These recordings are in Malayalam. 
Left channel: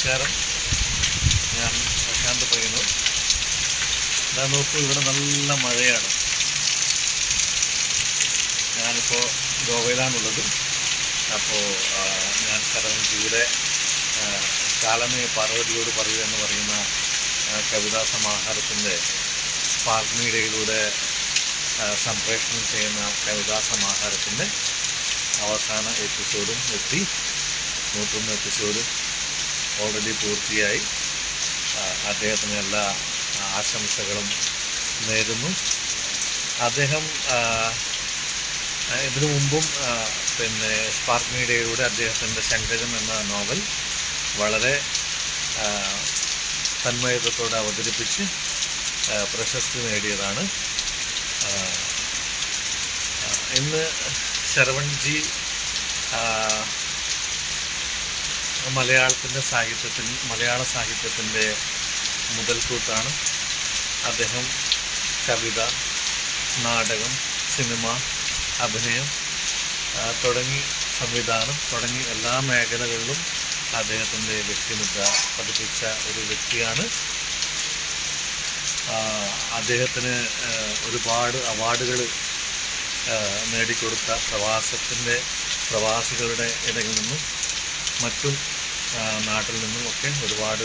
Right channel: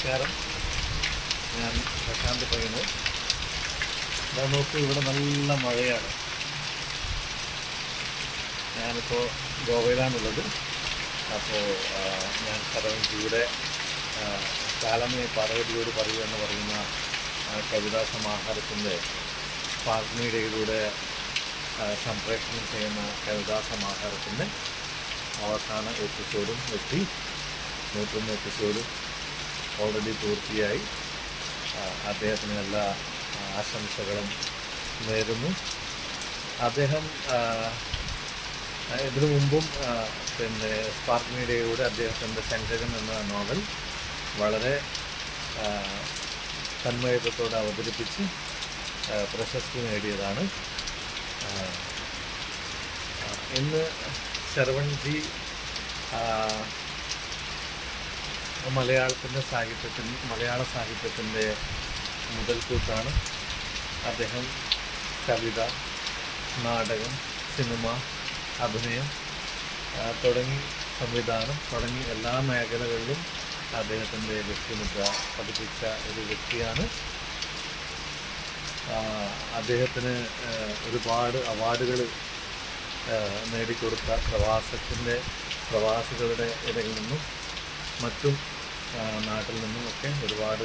നമസ്കാരം. ഞാൻ പ്രശാന്ത് പയ്യന്നൂർ. ഇതാ നോക്കൂ, ഇവിടെ നല്ല മഴയാണ്. ഞാനിപ്പോൾ ഗോവയിലാണുള്ളത്. അപ്പോൾ ഞാൻ കരവഞ്ചിയുടെ കാലമേ പാർവതിയോട് പറയൂ എന്ന് പറയുന്ന കവിതാ സമാഹാരത്തിൻ്റെ സ്പാർക്ക് മീഡിയയിലൂടെ സംപ്രേഷണം ചെയ്യുന്ന കവിതാ സമാഹാരത്തിൻ്റെ അവസാന എപ്പിസോഡും എത്തി. 101 എപ്പിസോഡ് ഓൾറെഡി പൂർത്തിയായി. അദ്ദേഹത്തിന് എല്ലാ ആശംസകളും നേരുന്നു. അദ്ദേഹം ഇതിനു മുമ്പും സ്പാർക്ക് മീഡിയയിലൂടെ അദ്ദേഹത്തിൻ്റെ ശങ്കരം എന്ന നോവൽ വളരെ തന്മയത്വത്തോടെ അവതരിപ്പിച്ച് പ്രശസ്തി നേടിയതാണ്. ഇന്ന് ശരവൺജി മലയാള സാഹിത്യത്തിൻ്റെ മുതൽക്കൂട്ടാണ്. അദ്ദേഹം കവിത, നാടകം, സിനിമ, അഭിനയം തുടങ്ങി സംവിധാനം തുടങ്ങി എല്ലാ മേഖലകളിലും അദ്ദേഹത്തിൻ്റെ വ്യക്തിമുദ്ര പതിപ്പിച്ച ഒരു വ്യക്തിയാണ്. അദ്ദേഹത്തിന് ഒരുപാട് അവാർഡുകൾ നേടിക്കൊടുത്ത പ്രവാസികളുടെ ഇടയിൽ നിന്നും മറ്റും നാട്ടിൽ നിന്നും ഒക്കെ ഒരുപാട്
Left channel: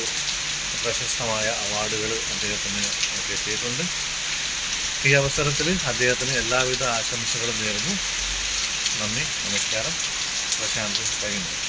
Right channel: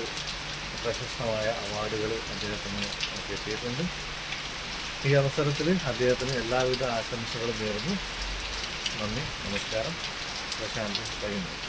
പ്രശസ്തമായ അവാർഡുകൾ അദ്ദേഹത്തിന് കിട്ടിയിട്ടുണ്ട്. ഈ അവസരത്തിൽ അദ്ദേഹത്തിന് എല്ലാവിധ ആശംസകളും നേരുന്നു. നന്ദി, നമസ്കാരം. പ്രശാന്ത് പയ്യന്നൂർ.